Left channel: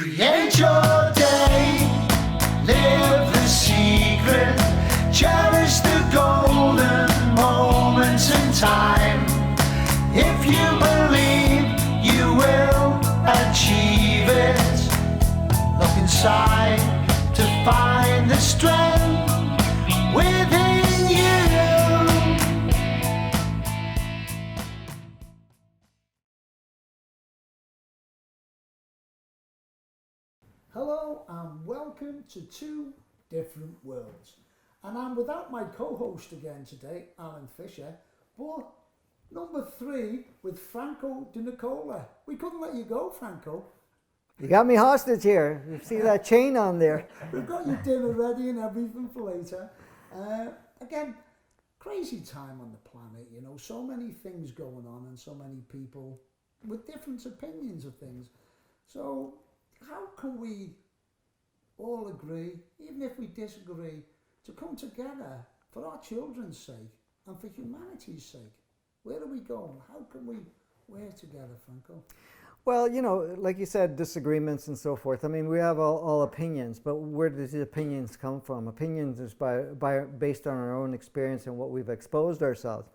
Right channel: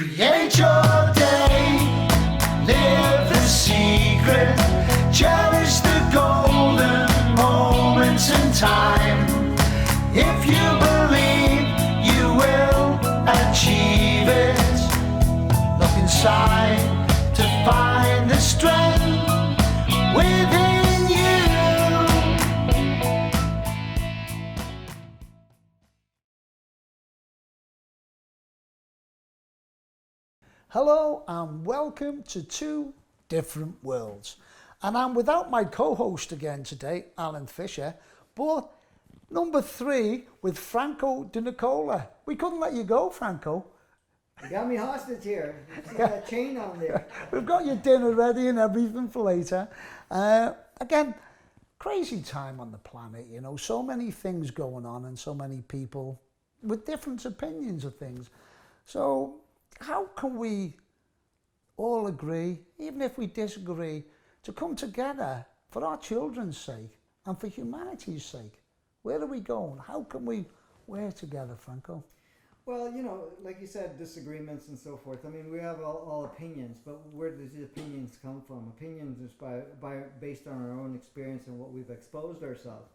Create your day, live the secret, cherish the golden moments in time. If you believe you will achieve it, look inside to find the strength within you. Hello and welcome to Two Different Worlds. And I'm without my co-host again today, Alan Fisher, but number 3 with Franco DeNicola. We couldn't let you go, Franco. You got me hostage here. You see that chain on there. We've got your dinner ready and everything for later. Again, crazy time on the planet, you know, so many things going on and so many people with different opinions of things. So how can we all agree, even if we disagree, to come together for our children's sake and for humanity's sake? Where are we going? How can we work together, Franco? Well, you know, like you said, disagreements and so forth. I mean, we have all opinions, but where do the opinions come from? Opinions is based on our own experience and what we've exposed ourselves.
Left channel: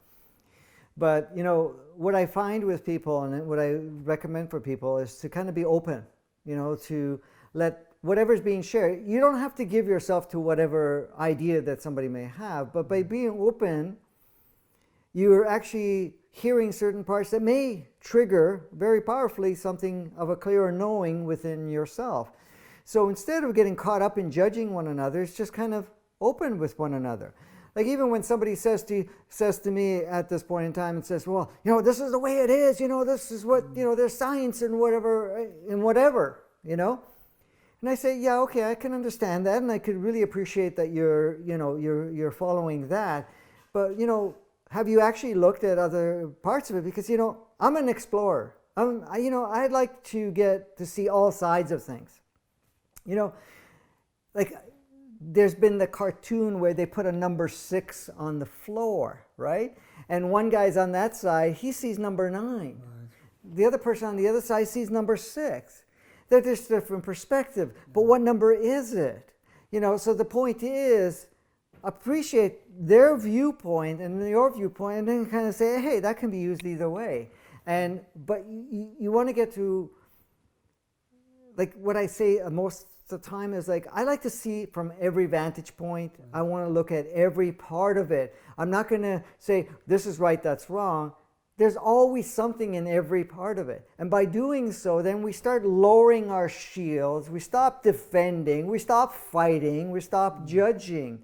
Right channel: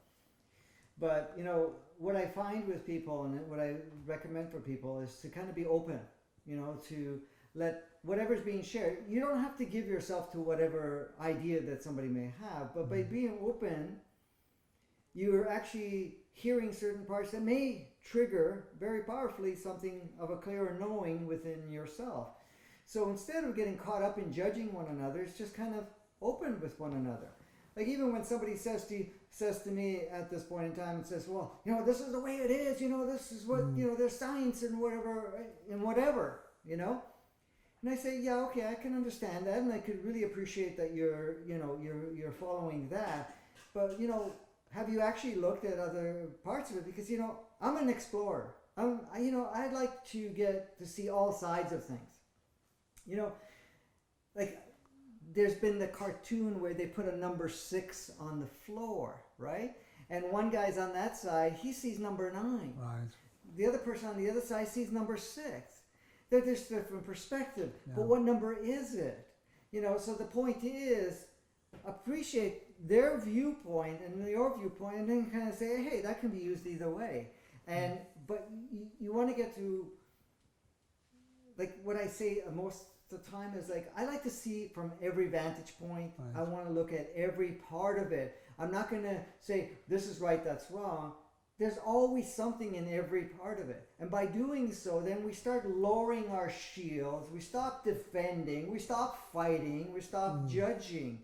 But, you know, what I find with people and what I recommend for people is to kind of be open, you know, to let whatever's being shared. You don't have to give yourself to whatever idea that somebody may have, but by being open, you're actually hearing certain parts that may trigger very powerfully something of a clearer knowing within yourself. So instead of getting caught up in judging one another, it's just kind of open with one another. Like even when somebody says to me at this point in time and says, well, you know, this is the way it is, you know, this is what, you know, there's science and whatever, you know. And I say, yeah, okay, I can understand that, and I could really appreciate that you're following that. But, you know, have you actually looked at other parts of it? Because, you know, I'm an explorer. I'd like to get to see all sides of things. You know, like there's been the cartoon where they put a number 6 on the floor, right? And one guy's on that side, he sees number 9. Right. The other person on the other side sees number 6. They're just different perspective. Yeah. But what number is it? You know, so the point is, appreciate their viewpoint and your viewpoint, and then kind of say, hey, that can be used either way. But you want to get to, like what I say most of the time is like, I like to see from every vantage point. Right. I want to look at every part of it. I'm not going to say, this is right, that's wrong. There's always something in every part of it. And by doing so, then we start lowering our shields. We stop defending. We stop fighting. We stop judging.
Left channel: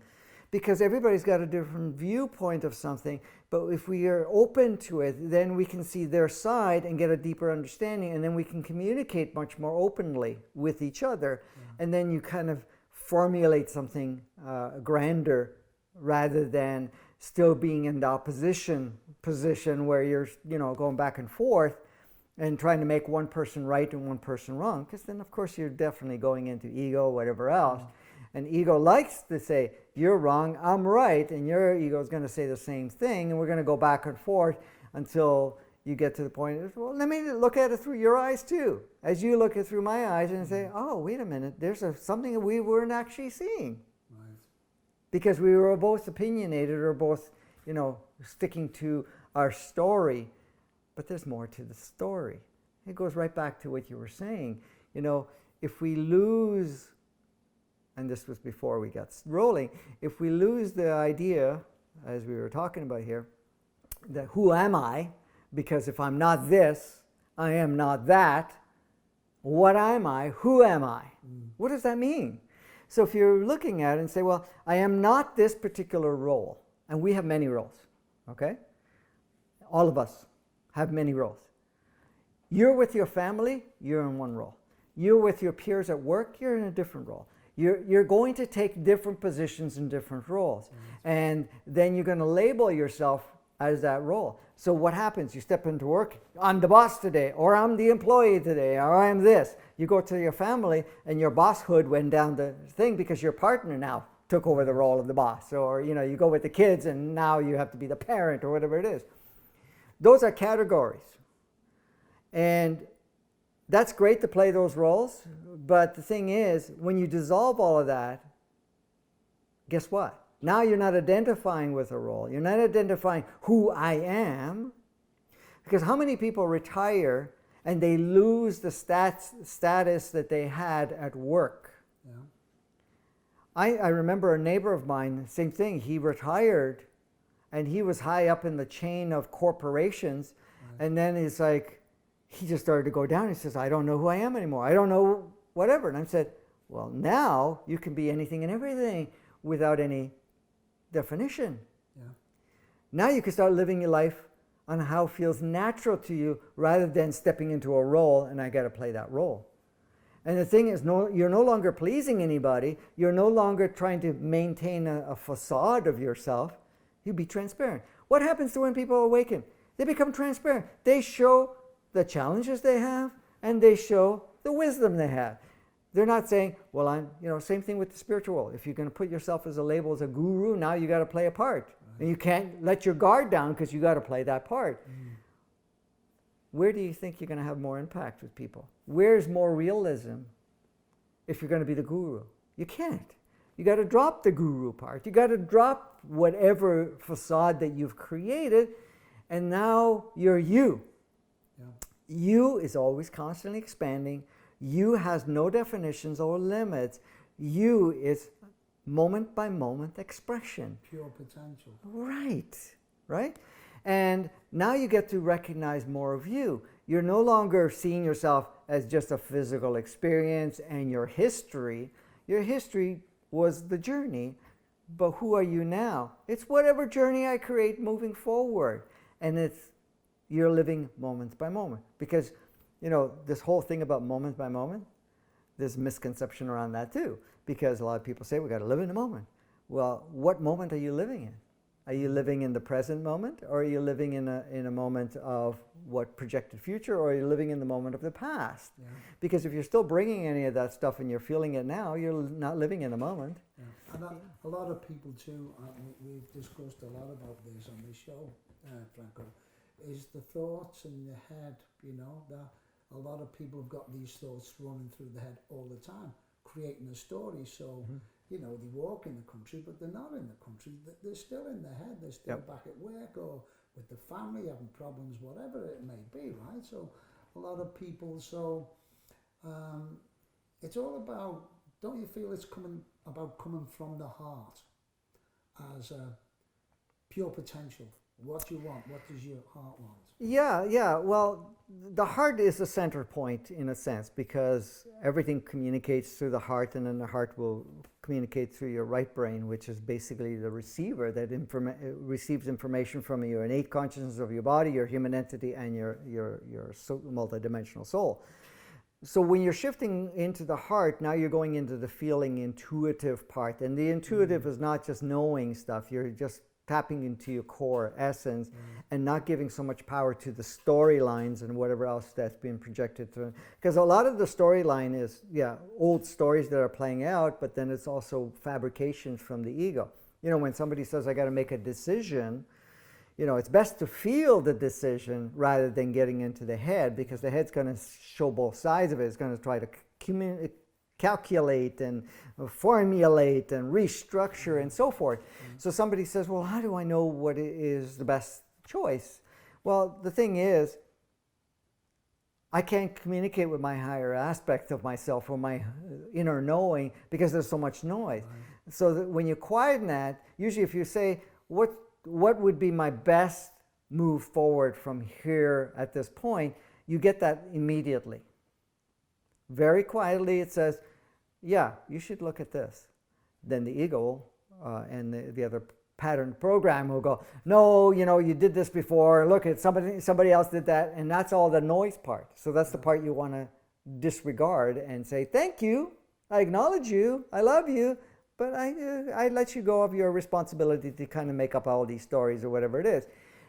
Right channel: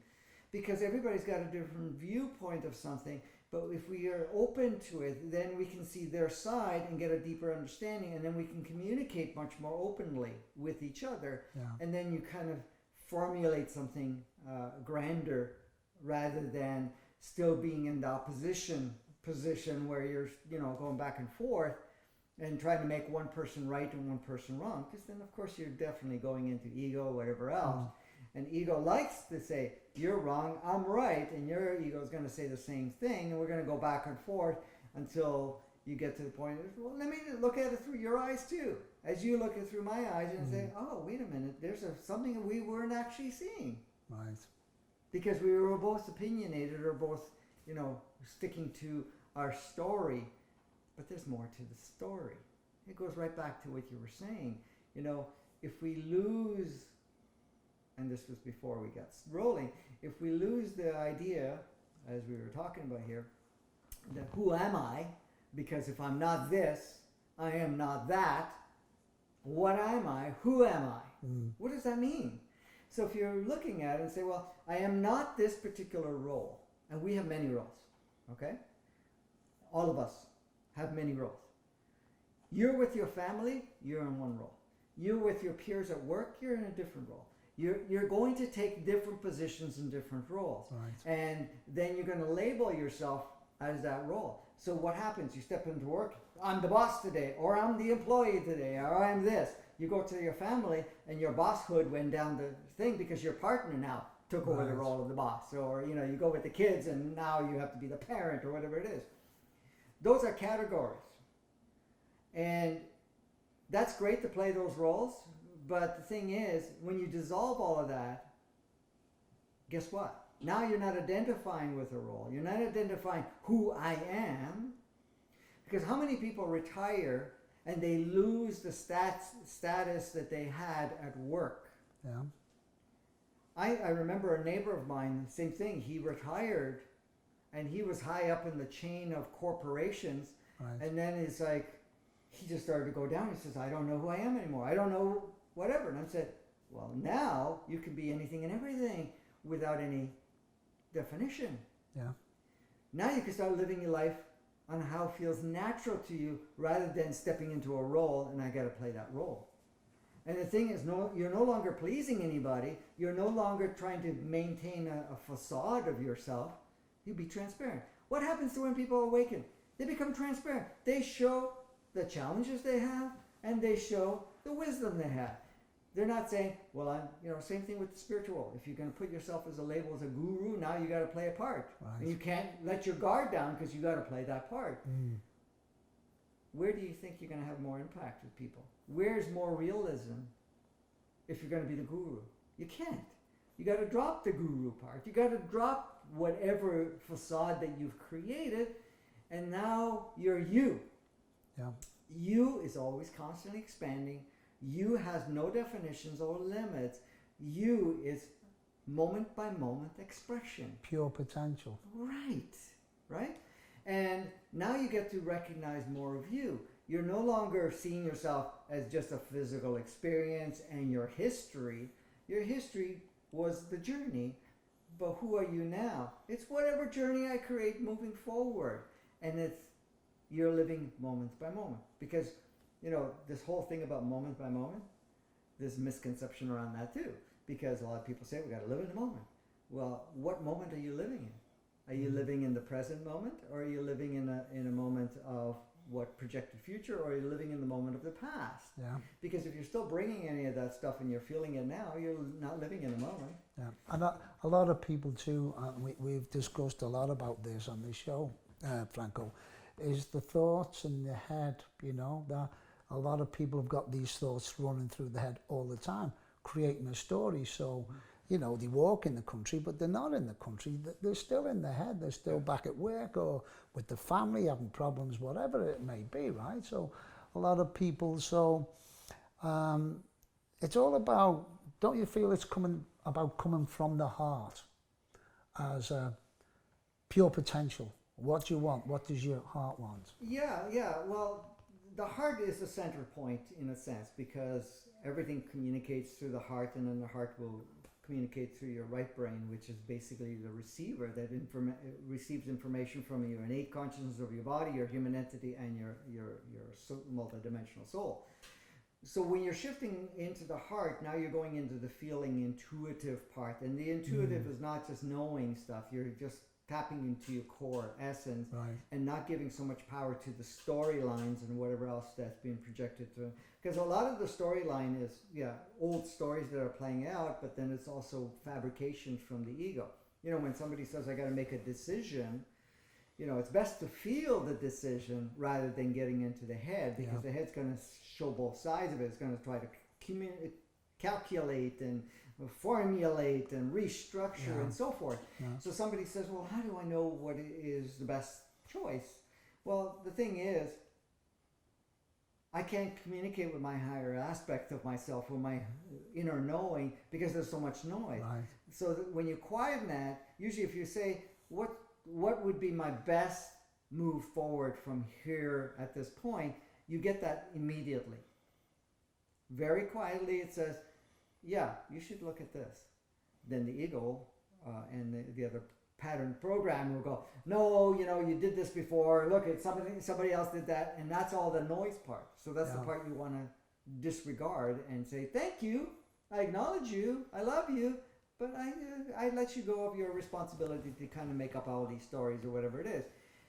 Because everybody's got a different viewpoint of something. But if we are open to it, then we can see their side and get a deeper understanding. And then we can communicate much more openly with each other. Yeah. And then you kind of formulate something grander rather than still being in the opposition position where you're, you know, going back and forth and trying to make one person right and one person wrong. Because then, of course, you're definitely going into ego, whatever else. And ego likes to say, you're wrong, I'm right, and your ego is going to say the same thing, and we're going to go back and forth until you get to the point of, well, let me look at it through your eyes too, as you look at it through my eyes and say, oh, wait a minute, there's something that we weren't actually seeing. Right. Because we were both opinionated or both, you know, sticking to our story, but there's more to the story. It goes right back to what you were saying. You know, if we lose, and this was before we got rolling, if we lose the idea, as we were talking about here, that who am I? Because if I'm not this, I am not that. What am I? Who am I? What does that mean? So if you're looking at it and say, well, I am not this particular role, and we have many roles, okay? All of us have many roles. You're with your family, you're in one role. You're with your peers at work, you're in a different role. You're going to take different positions in different roles. Right. And then you're going to label yourself as that role. So what happens? You step into work, I'm the boss today, or I'm the employee today, or I'm this. You go to your family and your bosshood went down the thing because your partner now took over the role of the boss. Or, you know, you go with the kids and now you have to be the parent or whatever it is. Those are categories. And that's great to play those roles, But the thing is, when you dissolve all of that, guess what? Now you're not identifying with a role. You're not identifying who I am. Because how many people retire and they lose the status that they had at work? Yeah. I remember a neighbor of mine, same thing. He retired and he was high up in the chain of corporations. Right. And then it's like, he just started to go down. He says, I don't know who I am anymore. I don't know whatever. And I said, well, now you can be anything and everything without any definition. Yeah. Now you can start living your life on how it feels natural to you rather than stepping into a role and I got to play that role. And the thing is, you're no longer pleasing anybody. You're no longer trying to maintain a facade of yourself. You be transparent. What happens to when people awaken? They become transparent. They show the challenges they have and they show the wisdom they have. They're not saying, well, I'm, same thing with the spiritual world. If you're going to put yourself as a label as a guru, now you got to play a part. Right. And you can't let your guard down because you got to play that part. Mm. Where do you think you're going to have more impact with people? Where's more realism if you're going to be the guru? You can't. You got to drop the guru part. You got to drop whatever facade that you've created, and now you're you. Yeah. You is always constantly expanding. You has no definitions or limits. You is moment by moment expression. Pure potential. Right, right? And now you get to recognize more of you. You're no longer seeing yourself as just a physical experience and your history. Your history was the journey, but who are you now? It's whatever journey I create moving forward. And you're living moment by moment. Because this whole thing about moment by moment, there's misconception around that too. Because a lot of people say we got to live in the moment. Well, what moment are you living in? Are you living in the present moment, or are you living in a moment of what projected future, or are you living in the moment of the past? Yeah. Because if you're still bringing any of that stuff and you're feeling it now, you're not living in the moment. Yeah. And a lot of people too, we've discussed a lot about this on this show, Franco, is the thoughts in the head, that a lot of people have got these thoughts running through the head all the time, creating a story. So, they walk in the country, but they're not in the country. They're still in their head. They're still back at work or with the family having problems, whatever it may be, right? So a lot of people, it's all about, don't you feel it's coming from the heart as a pure potential? What do you want? What does your heart want? Yeah. Well, the heart is the center point in a sense, because everything communicates through the heart, and then the heart will communicate through your right brain, which is basically the receiver that receives information from your innate consciousness of your body, your human entity, and your multidimensional soul. So when you're shifting into the heart, now you're going into the feeling intuitive part. And the intuitive is not just knowing stuff, you're just tapping into your core essence, right, and not giving so much power to the storylines and whatever else that's being projected through. Because a lot of the storyline is, old stories that are playing out, but then it's also fabrications from the ego. When somebody says, I got to make a decision, it's best to feel the decision rather than getting into the head, because the head's going to show both sides of it. It's going to try to calculate and formulate and restructure and so forth. So somebody says, well, how do I know what is the best choice? Well, the thing is, I can't communicate with my higher aspect of myself or my inner knowing because there's so much noise. Right. So that when you quieten that, usually if you say, what would be my best move forward from here at this point, you get that immediately. Very quietly it says, you should look at this. Then the ego and the other pattern program will go, no, you did this before, look at somebody else did that, and that's all the noise part. So that's the part you want to disregard and say, thank you, I acknowledge you, I love you, but I let you go of your responsibility to kind of make up all these stories or whatever it is.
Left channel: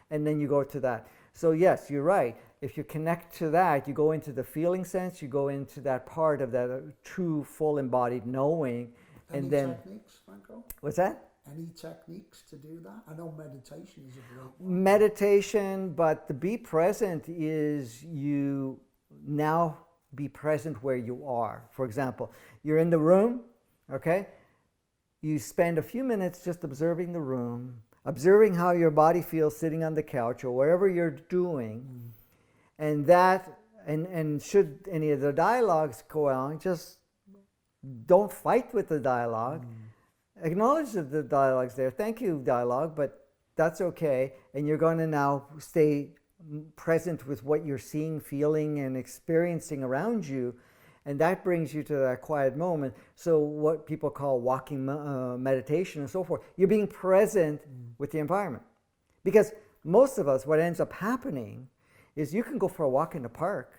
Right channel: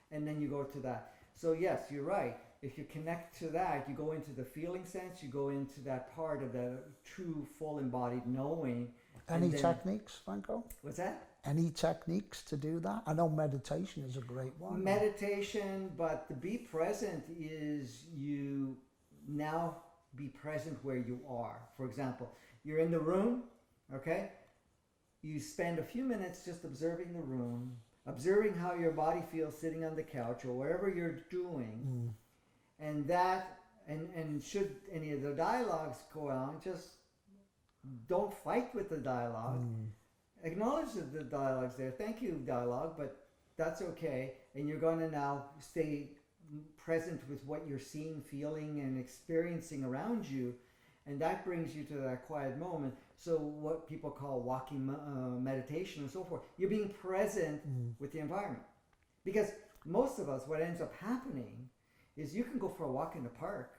And then you go to that. So yes, you're right. If you connect to that, you go into the feeling sense, you go into that part of that true, full embodied knowing. Any techniques, Franco? What's that? Any techniques to do that? I know meditation is a great one. Meditation, but the be present is you now be present where you are. For example, you're in the room, okay? You spend a few minutes just observing the room, observing how your body feels sitting on the couch or wherever you're doing. And that, and should any of the dialogues go on, just don't fight with the dialogue. Acknowledge that the dialogue's there. Thank you, dialogue, but that's okay. And you're going to now stay present with what you're seeing, feeling, and experiencing around you. And that brings you to that quiet moment. So what people call walking meditation and so forth, you're being present with the environment. Because most of us, what ends up happening is you can go for a walk in the park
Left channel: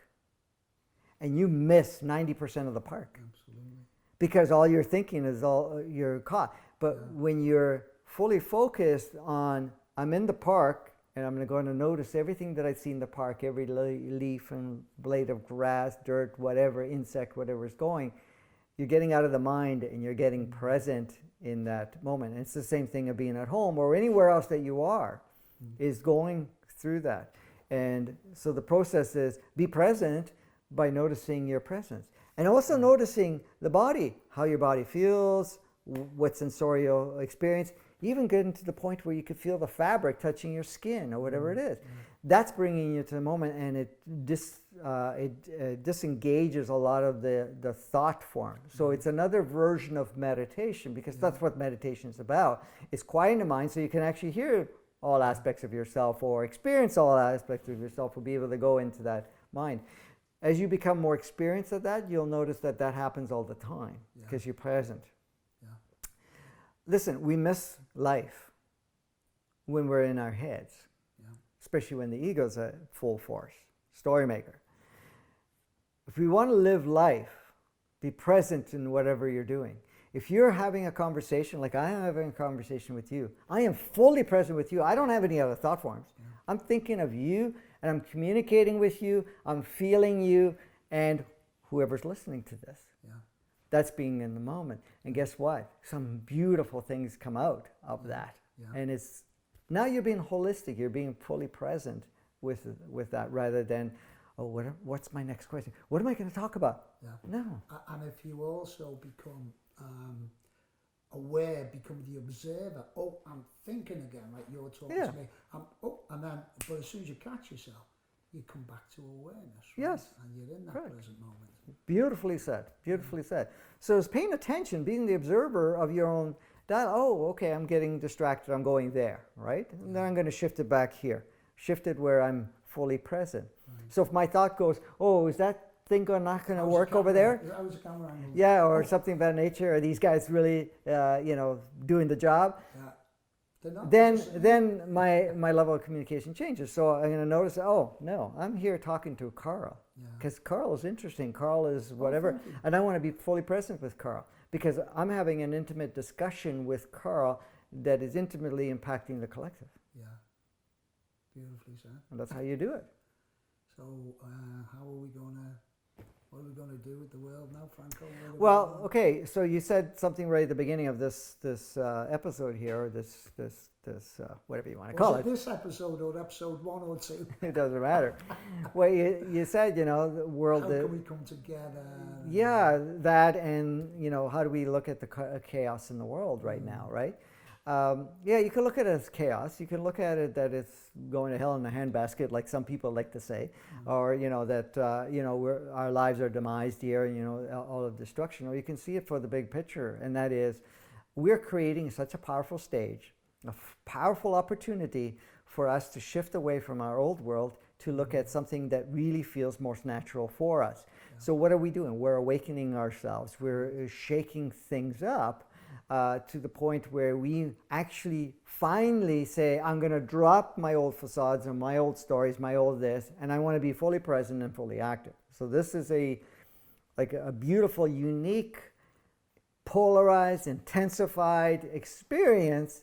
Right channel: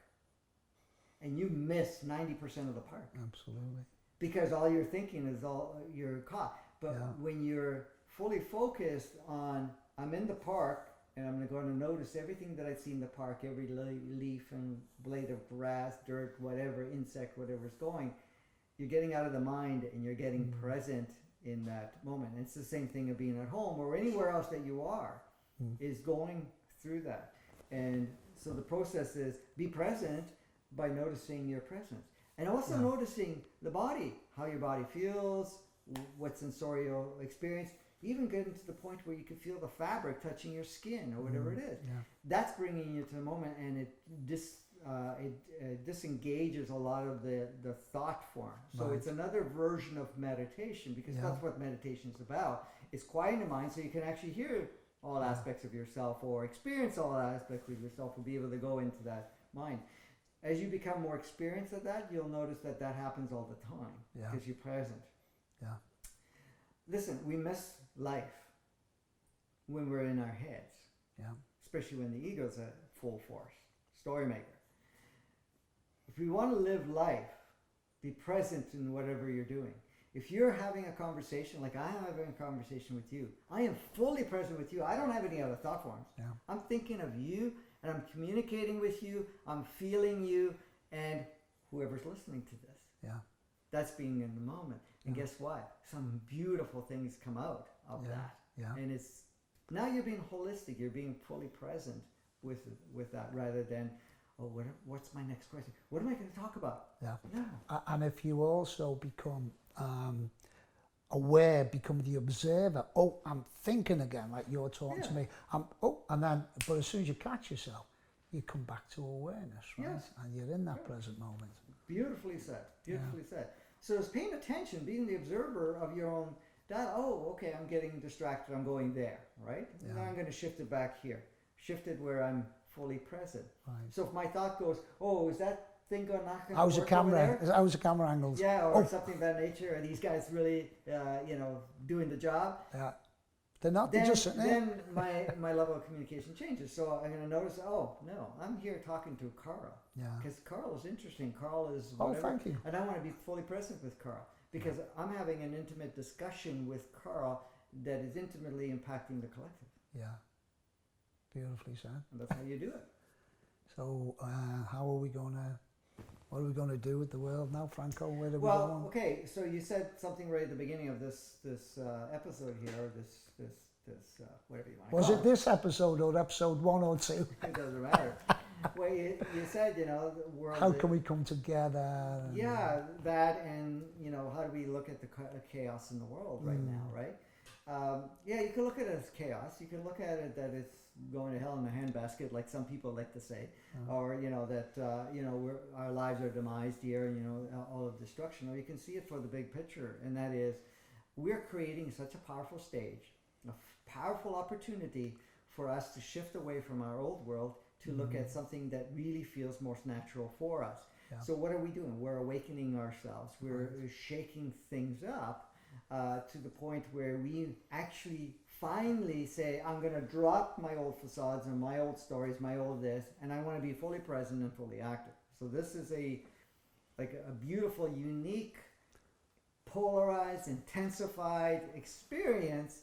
and you miss 90% of the park. Absolutely. Because all you're thinking is all you're caught. But when you're fully focused on, I'm in the park and I'm going to notice everything that I see in the park, every leaf and blade of grass, dirt, whatever, insect, whatever is going, you're getting out of the mind and you're getting present in that moment. And it's the same thing of being at home or anywhere else that you are, is going through that. And so the process is be present by noticing your presence. And also noticing the body, how your body feels, what sensorial experience, even getting to the point where you could feel the fabric touching your skin or whatever it is. That's bringing you to the moment, and it disengages a lot of the thought form. So it's another version of meditation, because that's what meditation is about. It's quieting the mind so you can actually hear all aspects of yourself or experience all aspects of yourself, or be able to go into that mind. As you become more experienced at that, you'll notice that that happens all the time because you're present. Listen, we miss life when we're in our heads, especially when the ego's at full force, story maker. If we want to live life, be present in whatever you're doing. If you're having a conversation, like I am having a conversation with you, I am fully present with you. I don't have any other thought forms. I'm thinking of you, and I'm communicating with you, I'm feeling you, and whoever's listening to this. That's being in the moment. And guess what? Some beautiful things come out of that. And it's, now you're being holistic, you're being fully present with that, rather than, oh, what's my next question? What am I going to talk about? No. And if you also become aware, become the observer, oh, I'm thinking again, like you're talking to me, and then, but as soon as you catch yourself, you come back to awareness, right? And you're in that present moment. Beautifully said, beautifully said. So it's paying attention, being the observer of your own dialogue. Oh, okay, I'm getting distracted, I'm going there, right? And then I'm going to shift it back here. Shift it where I'm fully present. So if my thought goes, oh, is that thing not going to work over there? How's the camera angle? Yeah, or something of that nature. Are these guys really, doing the job? They're not. Then my level of communication changes. So I'm going to notice, oh, no, I'm here talking to Carl. Because Carl is interesting. Carl is whatever. And I want to be fully present with Carl, because I'm having an intimate discussion with Carl that is intimately impacting the collective. Beautifully said. And that's how you do it. So what are we going to do with the world now, Franco? Well, okay, so you said something right at the beginning of this episode here, or this whatever you want to call it. Was it this episode or episode 1 or 2? It doesn't matter. Well, you said, the world... How can we come together? Yeah, that, and, how do we look at the chaos in the world right now, right? You can look at it as chaos. You can look at it that it's going to hell in a handbasket, like some people like to say, or that our lives are demised here, all of destruction. Or you can see it for the big picture, and that is, we're creating such a powerful stage, a powerful opportunity for us to shift away from our old world to look at something that really feels most natural for us. So what are we doing? We're awakening ourselves. We're shaking things up to the point where we actually finally say, I'm going to drop my old facades and my old stories, my old this, and I want to be fully present and fully active. So this is a beautiful, unique, polarized, intensified experience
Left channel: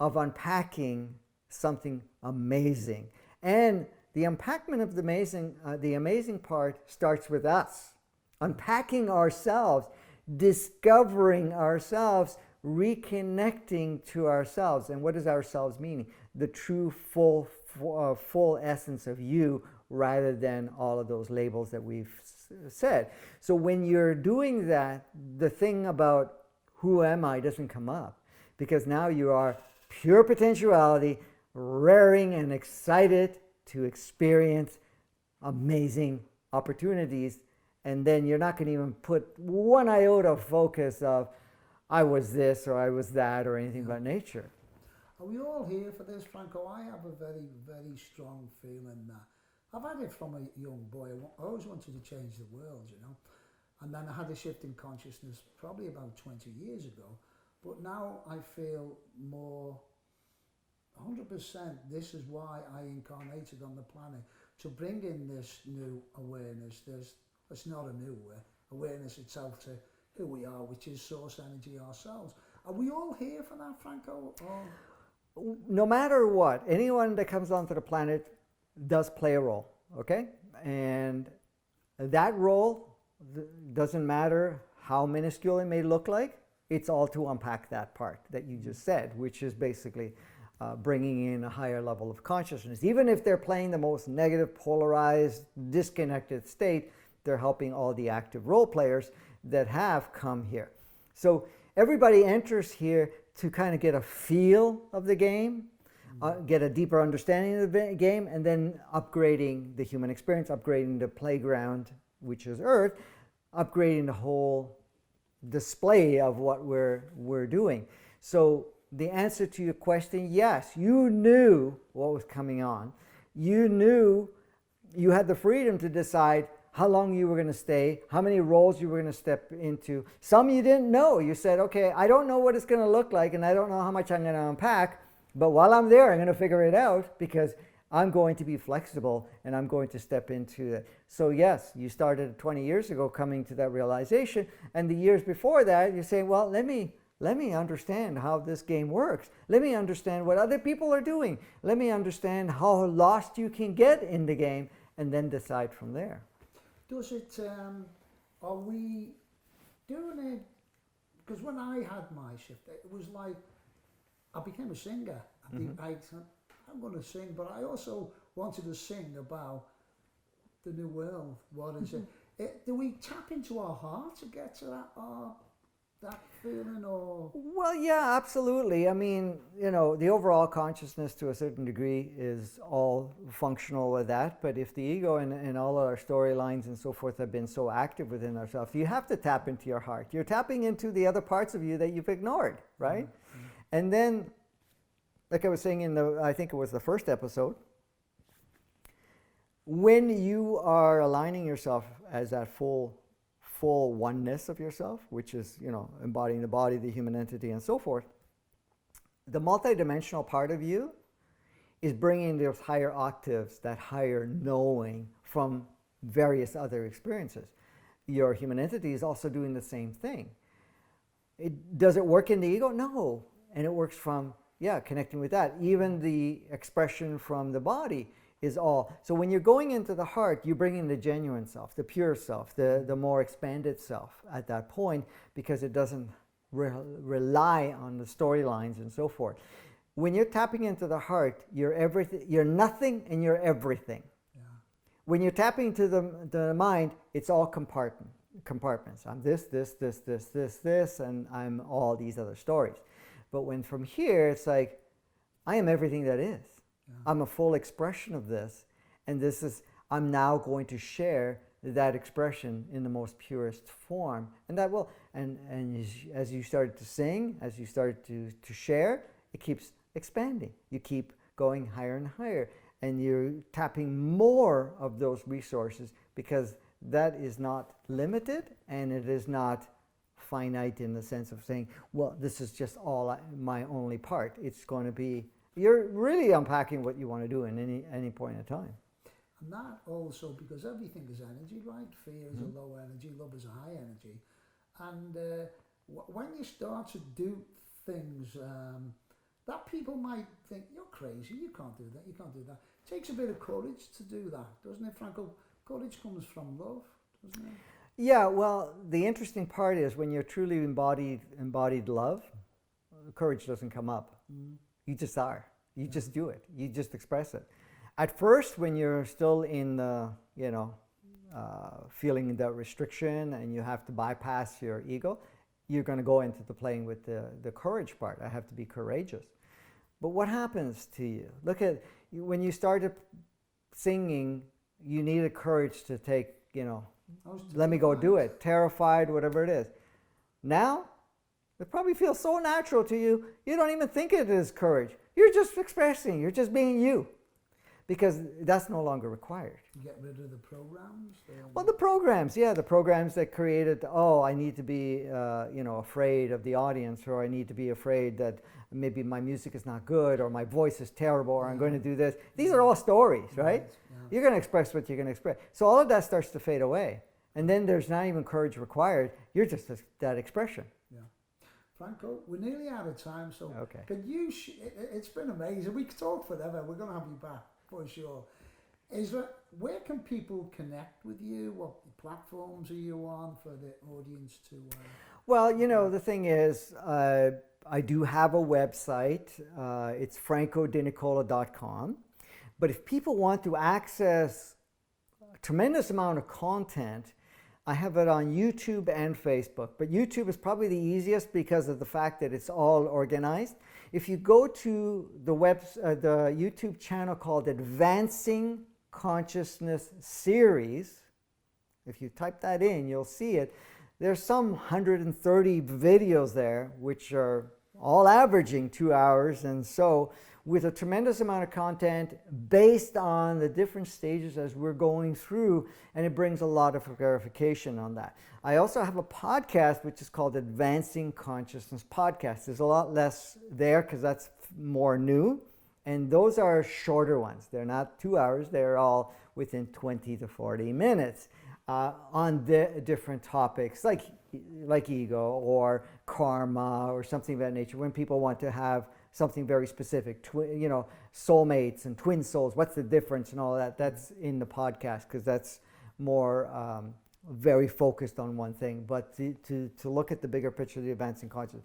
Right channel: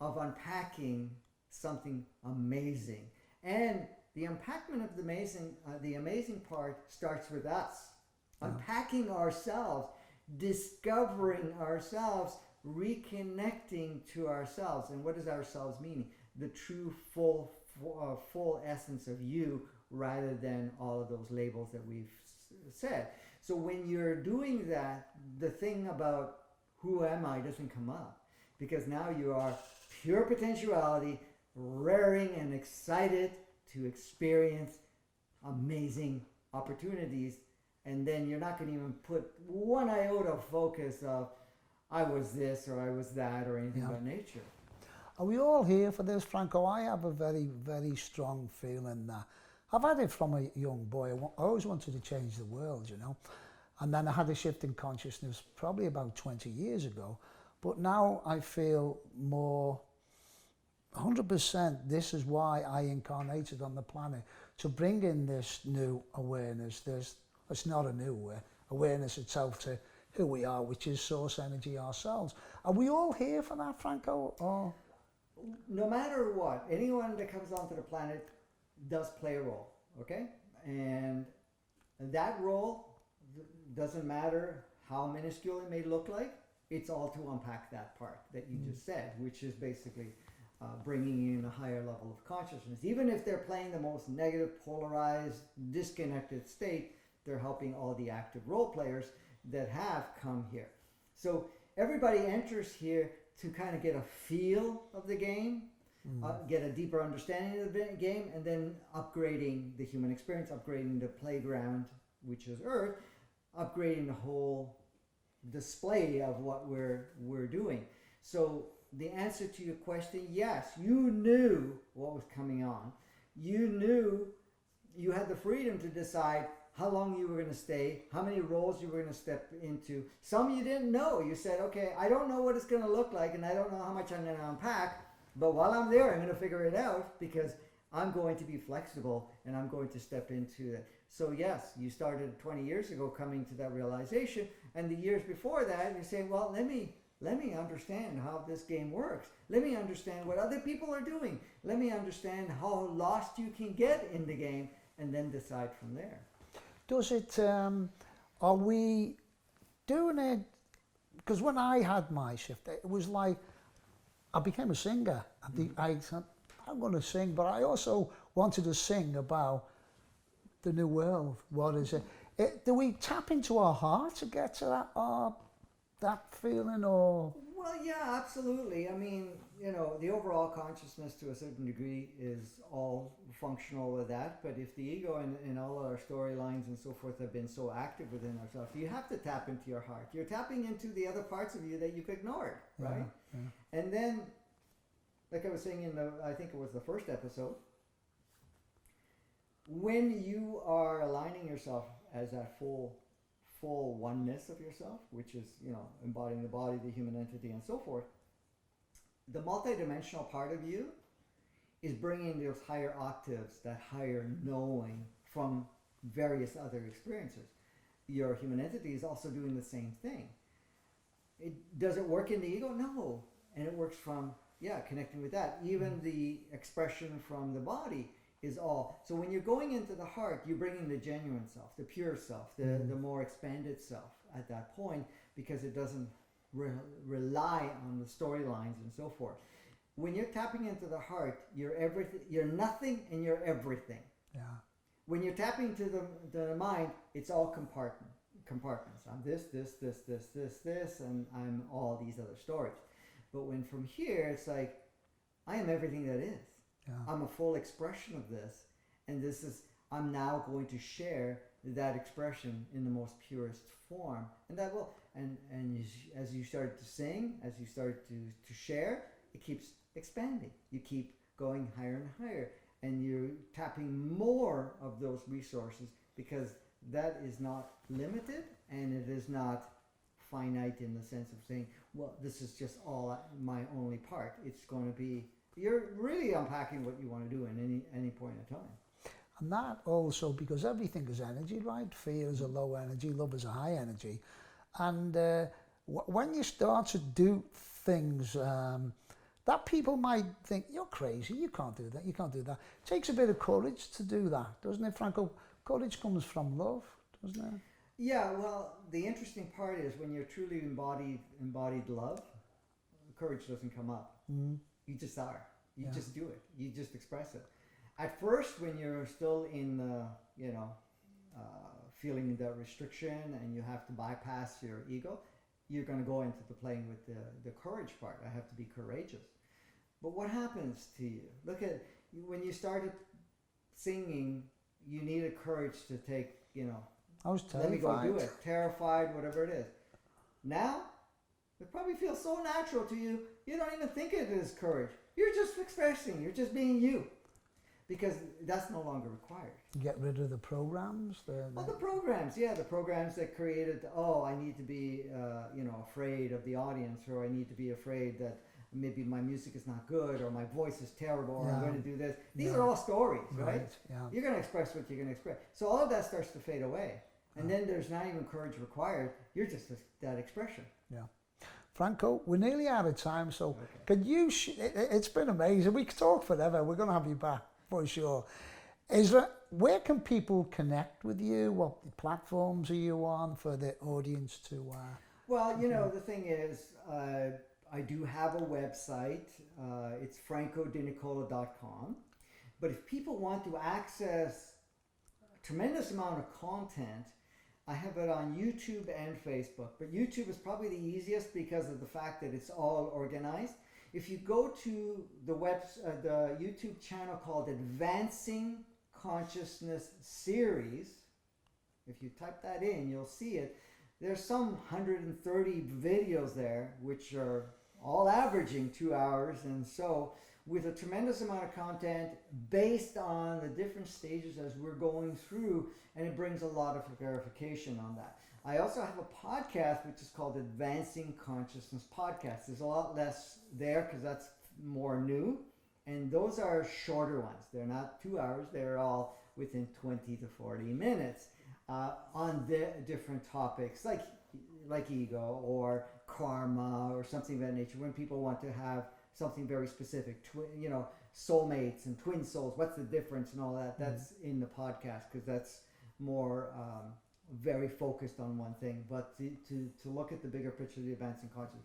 of unpacking something amazing. And the unpackment of the amazing part starts with us. Unpacking ourselves, discovering ourselves, reconnecting to ourselves. And what does ourselves mean? The true full essence of you, rather than all of those labels that we've said. So when you're doing that, the thing about who am I doesn't come up, because now you are pure potentiality, raring and excited to experience amazing opportunities. And then you're not going to even put one iota of focus of I was this or I was that or anything about nature. Are we all here for this, Franco? I have a very, very strong feeling that I've had it from a young boy. I always wanted to change the world, you know. And then I had a shift in consciousness probably about 20 years ago. But now I feel more 100% this is why I incarnated on the planet, to bring in this new awareness. It's not a new awareness itself to who we are, which is source energy ourselves. Are we all here for that, Franco? Or? No matter what, anyone that comes onto the planet does play a role, okay? And that role doesn't matter how minuscule it may look like, it's all to unpack that part that you just said, which is basically bringing in a higher level of consciousness. Even if they're playing the most negative, polarized, disconnected state, they're helping all the active role players that have come here. So everybody enters here to kind of get a feel of the game, get a deeper understanding of the game, and then upgrading the human experience, upgrading the playground, which is Earth, upgrading the whole display of what we're doing. So the answer to your question, yes, you knew what was coming on. You knew you had the freedom to decide how long you were going to stay, how many roles you were going to step into. Some you didn't know. You said, okay, I don't know what it's going to look like, and I don't know how much I'm going to unpack, but while I'm there, I'm going to figure it out, because I'm going to be flexible and I'm going to step into it. So yes, you started 20 years ago coming to that realization, and the years before that, you're saying, well, let me understand how this game works. Let me understand what other people are doing. Let me understand how lost you can get in the game, and then decide from there. Does it, are we doing it, because when I had my shift, it was like, I became a singer. I said, I'm going to sing, but I also wanted to sing about the new world. What is it? Do we tap into our heart to get to that feeling, or? Well, yeah, absolutely. I mean, you know, the overall consciousness to a certain degree is all functional with that. But if the ego and all of our storylines and so forth have been so active within ourselves, you have to tap into your heart. You're tapping into the other parts of you that you've ignored, right? Mm-hmm. And then, like I was saying in I think it was the first episode, when you are aligning yourself as that full oneness of yourself, which is, you know, embodying the body, the human entity, and so forth, the multidimensional part of you is bringing those higher octaves, that higher knowing from various other experiences. Your human entity is also doing the same thing. Does it work in the ego? No. And it works from, connecting with that. Even the expression from the body is all. So when you're going into the heart, you bring in the genuine self, the pure self, the more expanded self at that point, because it doesn't rely on the storylines and so forth. When you're tapping into the heart, you're everything, you're nothing and you're everything. Yeah. When you're tapping to the mind, it's all compartments. I'm this, and I'm all these other stories. But when from here, it's like, I am everything that is. Yeah. I'm a full expression of this, and I'm now going to share that expression in the most purest form. And that will, and as you start to sing, as you start to share, it keeps expanding. You keep going higher and higher, and you're tapping more of those resources, because that is not limited, and it is not finite in the sense of saying, well, this is just all my only part. It's going to be, you're really unpacking what you want to do in any point in time. And that also, because everything is energy, right? Fear is a low energy, love is a high energy. And when you start to do things that people might think, you're crazy, you can't do that, you can't do that. It takes a bit of courage to do that, doesn't it, Franco? Courage comes from love, doesn't it? Yeah, well, the interesting part is when you're truly embodied love, courage doesn't come up. Mm. You just are. You just do it. You just express it. At first, when you're still in the, feeling the restriction and you have to bypass your ego, you're going to go into the playing with the courage part. I have to be courageous. But what happens to you? Look at, when you started singing, you needed courage to take, let me go do it. Terrified, whatever it is. Now, it probably feels so natural to you, you don't even think it is courage. You're just expressing, you're just being you. Because that's no longer required. Get rid of the programs? Well, the programs that created, I need to be, afraid of the audience, or I need to be afraid that maybe my music is not good, or my voice is terrible, or I'm going to do this. These are all stories, right? Yeah. You're going to express what you're going to express. So all of that starts to fade away. And then there's not even courage required. You're just that expression. Yeah. Franco, we're nearly out of time, so could you, it's been amazing. We could talk forever. We're going to have you back. For sure. Where can people connect with you? What platforms are you on for the audience to? Well, the thing is, I do have a website. It's francodenicola.com. But if people want to access a tremendous amount of content, I have it on YouTube and Facebook. But YouTube is probably the easiest because of the fact that it's all organized. If you go to the YouTube channel called Advancing Consciousness Series, if you type that in, you'll see it. There's some 130 videos there, which are all averaging 2 hours, and so with a tremendous amount of content based on the different stages as we're going through, and it brings a lot of clarification on that. I also have a podcast which is called Advancing Consciousness Podcast. There's a lot less there because that's more new, and those are shorter ones. They're not 2 hours. They're all within 20 to 40 minutes on different topics like ego or karma or something of that nature. When people want to have something very specific, soulmates and twin souls, what's the difference and all that, that's in the podcast because that's more very focused on one thing. But to look at the bigger picture of the Advancing Consciousness,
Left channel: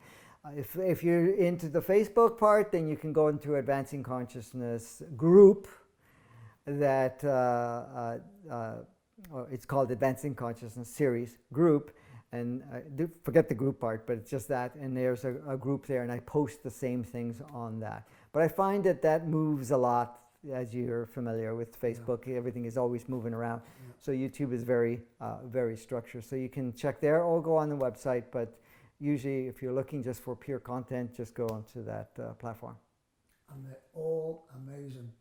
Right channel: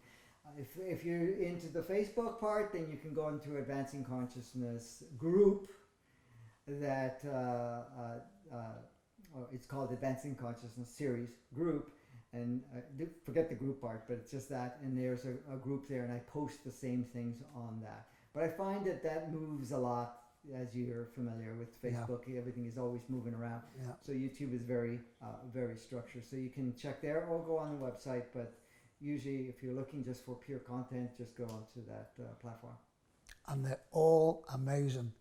if you're into the Facebook part, then you can go into Advancing Consciousness group that it's called Advancing Consciousness Series group, and forget the group part, but it's just that, and there's a group there, and I post the same things on that. But I find that moves a lot. As you're familiar with Facebook, everything is always moving around. Yeah. So YouTube is very, very structured. So you can check there or go on the website. But usually, if you're looking just for pure content, just go onto that platform. And they're all amazing,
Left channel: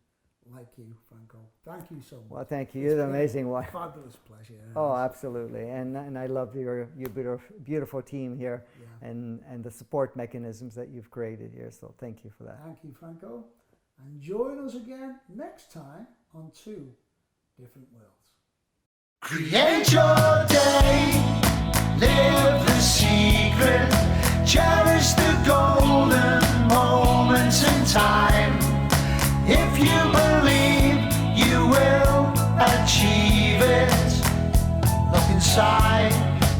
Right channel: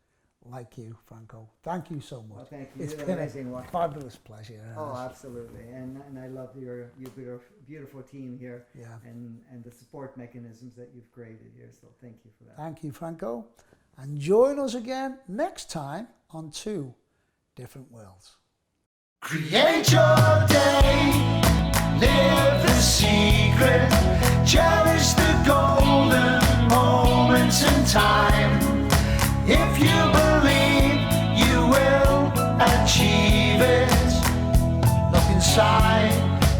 like you, Franco. Thank you so much. Well, thank you. You're an amazing one. Fabulous pleasure. Oh, absolutely. And I love your beautiful team here, and the support mechanisms that you've created here. So thank you for that. Thank you, Franco. And join us again next time on Two Different Worlds. Create your day, live the secret, cherish the golden moments in time. If you believe you will achieve it, look inside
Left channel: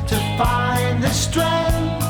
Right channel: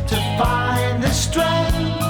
to find the strength